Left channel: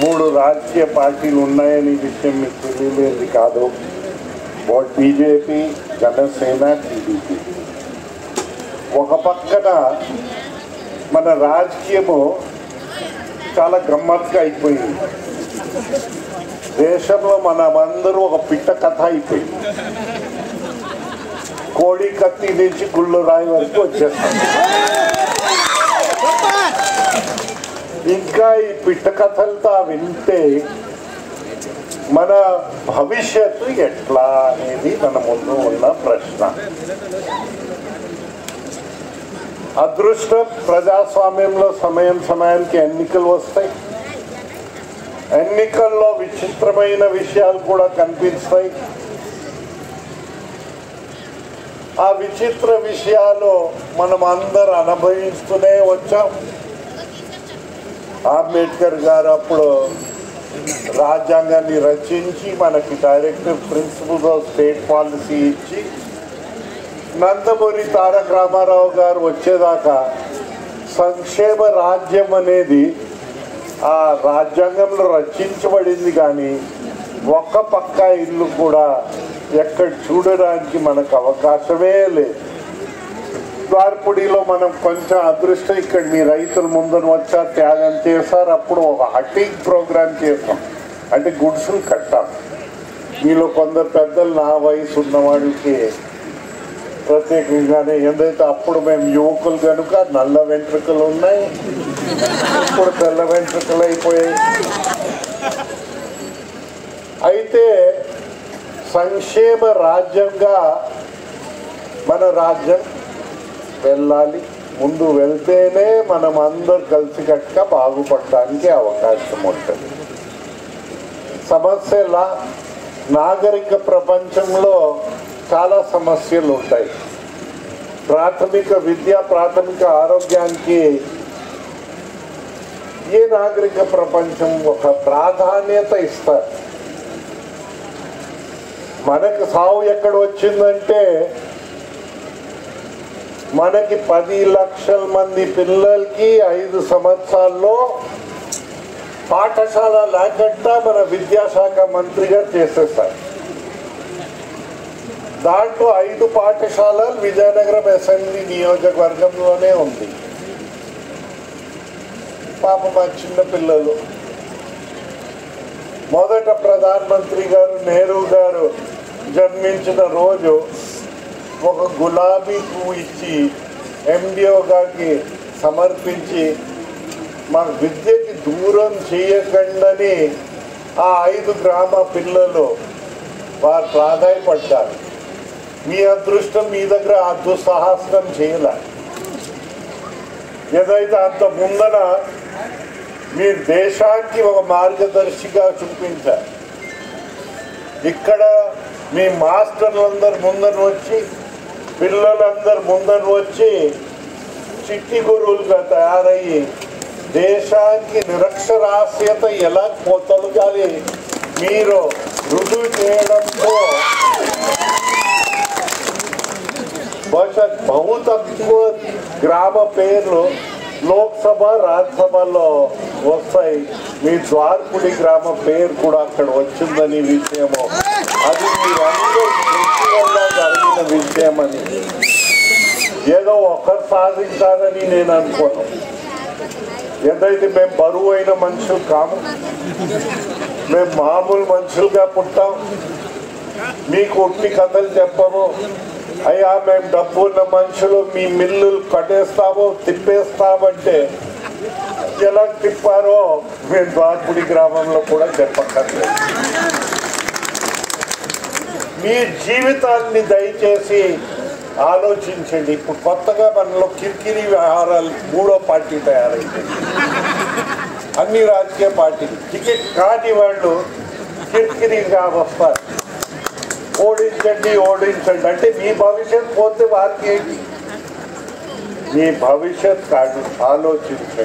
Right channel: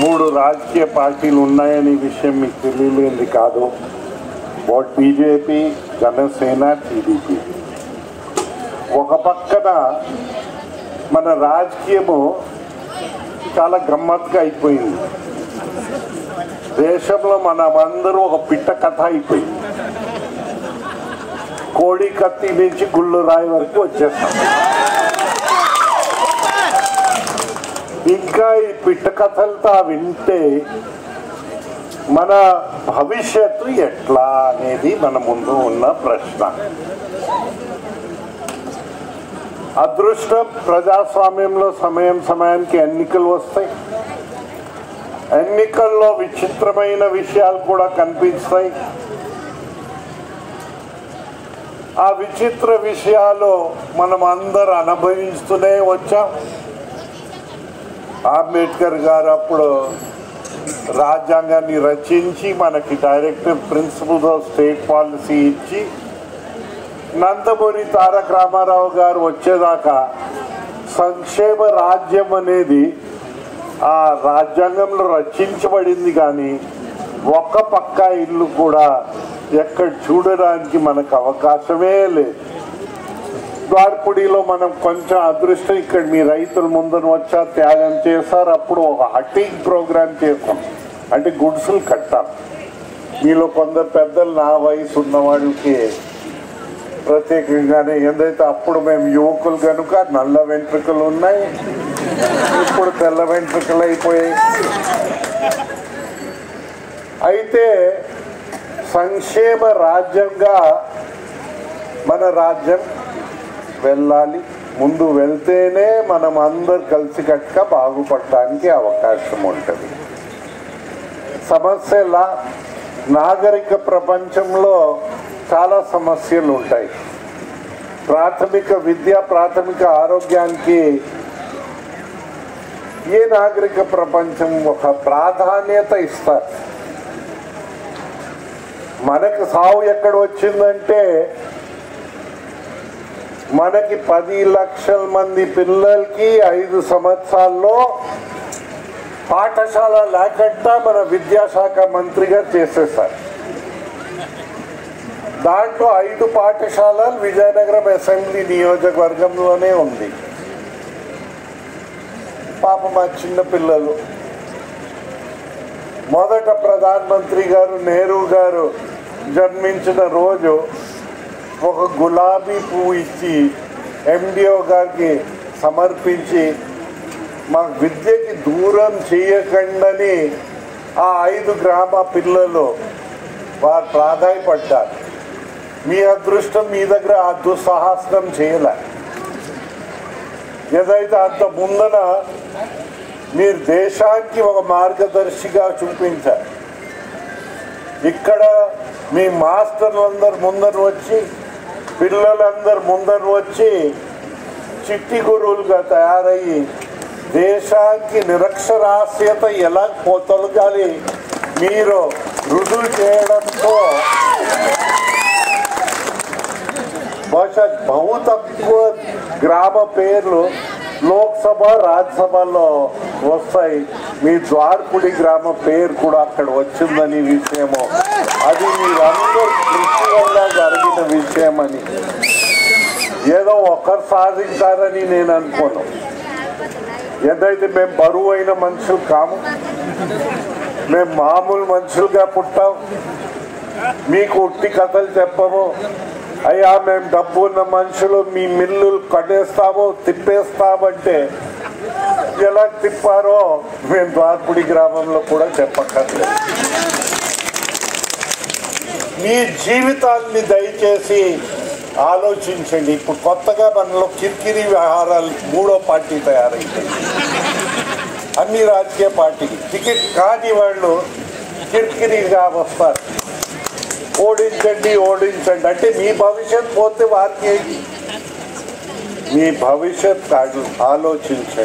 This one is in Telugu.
మూడు రాజకీయ పార్టీలు ఉన్నాయని విషయం మీకు తెలియలేదు కాదు. BJP, Janasena, TDP. ఒక పక్కన మన రాజకీయము చాలా గమ్మత్తుగా అయిపోయింది. దేశంలో మనమందరూ ఒక పిట్ట కథ అయిపోయింది. కోడి కత్తి నుంచి గుళ్ళు రాయి వరకు వచ్చేస్తాం. ఇంకా ఈ పిట్ట కథలతో వింటే మన భవిష్యత్తు ఎట్లా అనేది మన ముందు ఉన్న ప్రశ్న. అదృష్టం ప్రజాస్వామ్యంలో సమయానికి ఎన్నికలు వస్తాయి. ఎన్నికల్లో విచిత్రమైన విషయాలు కూడా కనిపిస్తాయి. ఆ విచిత్ర విషయాలు మనం అందరూ అనుభవిస్తూనే వచ్చాం. అంబేద్కర్ గారు అప్పుడు రాజ్యాంగాన్ని రచించి మనకి directive principles of state policy ఇచ్చి, నందమూరి తారక రామారావు గారు వచ్చేదాకా సంక్షేమ రాజ్యం అనేది ఆ రాజ్యాంగంలో రచించబడింది. కానీ ఒక్క పక్క ఇల్లు కూడా ఎక్కడ చూడడానికి మనకు అవకాశమే లేదు. ద్వారపుడిలో మనం కొంచెం అదృష్టం, ఇక్కడ మీ రైతుల ముందర వచ్చారు, త్యాగం చేశారు. అప్పుడు ఒక హటింగ్ ప్రోగ్రామ్ చేస్తాం, అంటే గుడ్సులు కట్టాం. మీలో కొందరు పెద్దలు, నా వయసు ఉన్న వాళ్ళకి ప్రత్యేకంగానే, ఏదైతే అప్పుడు మేము యువకులు కనుక నల్ల వెంట్రుకలు ఉన్నాయి, ఇప్పుడు తెల్ల వెంట్రుకలు అయిపోయాయి. అయితే సంక్షేమ రాజ్యంగా మన రాజ్యం వెళ్ళాలి. ముందు వెళ్తేనే మనం అందరు కలిసికట్టుగా బాగుపడటానికి అవకాశం ఉంటుంది. సమస్యల నాగరిక ప్రపంచంలో చాలా సమస్యలు ఉంటాయి. ప్రాథమిక విద్య, ప్రాథమిక ఆరోగ్యానికి ఏ నాగరిక ప్రపంచం ఒక ప్రాధాన్యత ఇస్తారు. మనకు సావు ఎక్కడ వచ్చిందంటే, మనకి 10 లక్షల మంది పిల్లలకి 5 సంవత్సరాల్లో పాఠశాల లేకుండా మన విద్యాశాఖ మంత్రిగా చేసేస్తారు. దాంట్లో 5 పాఠశాలలు విజయనగరం అసెంబ్లీ నియోజకవర్గంలోనే ఉంది. పాప మా చిన్న పిల్లలు, మొదట ప్రధానమంత్రి గారు నెహ్రూ గారు జన్మించిన రోజు ఒక గులాబీ పువ్వు ఇచ్చి ఎండిఓ గారికి సమర్పించి, మా విద్యకి దూరం చేయకండి ఆ 5 గ్రామ పిల్లలు వారు ప్రాధాయపడ్డారు. మీ అదృష్టం, మీ దగ్గర ఆ దుస్సాహసం చేయలే. ఏదైతే అంత ముందన మీరు దేశానికి ఒక మార్గదర్శిగా చూపించారు. ఇక్కడ మీ మాస్టర్లందరూ ముందర వచ్చి, పిల్లలందరూ ముందర వచ్చి చిట్టి గురువులుగా తయారయ్యి దేశానికి నిరక్షరాస్యత ఎలా తొలగాలి మీరు రుజువు చేయడంతో బహుశా బహు తక్కువ గ్రామ పేర్లు లోక్సభ, రాజ్యసభలో వస్తాయి. మీ ద్వారపుడి గ్రామ పేరు కూడా అక్కడ వచ్చిందని విషయము, అది మీరందరూ కృషి వల్ల జరిగిన విషయం అని, ఏదో ఒకరు సాధించాలని నేను అనుకోను. ఏదైతే మేము బరువు అయిన మనుషులు కాము, మేము మామూలు మనుషులుగా పుట్టాం. మీకు ఉట్టి కథలు చెప్పము. అయ్యా మేము డబ్బు ఉన్న మనుషులు, మీ మిల్లులు కట్టేస్తామో తిప్పేస్తామంటే ఎలా తిప్పారో మేము ద్వారపుడి గ్రామంలో కూడా చెప్పక్కర్లేదు. మీ జీవితాన్ని దయచేసి ఆలోచించండి. ఇప్పుడు కొత్తగా మనలో కిరికిరి వ్యవహారాలు 3వ పార్టీ తయారైంది. అన్ని రాజకీయ పార్టీలు టికెట్ కాని వాళ్ళు కిరికిరిగా వస్తారు. ఓడించండి ఓడించండి అంటే మీ భవిష్యత్ పోతే వారికి, మీ భవిష్యత్ ఆలోచించండి.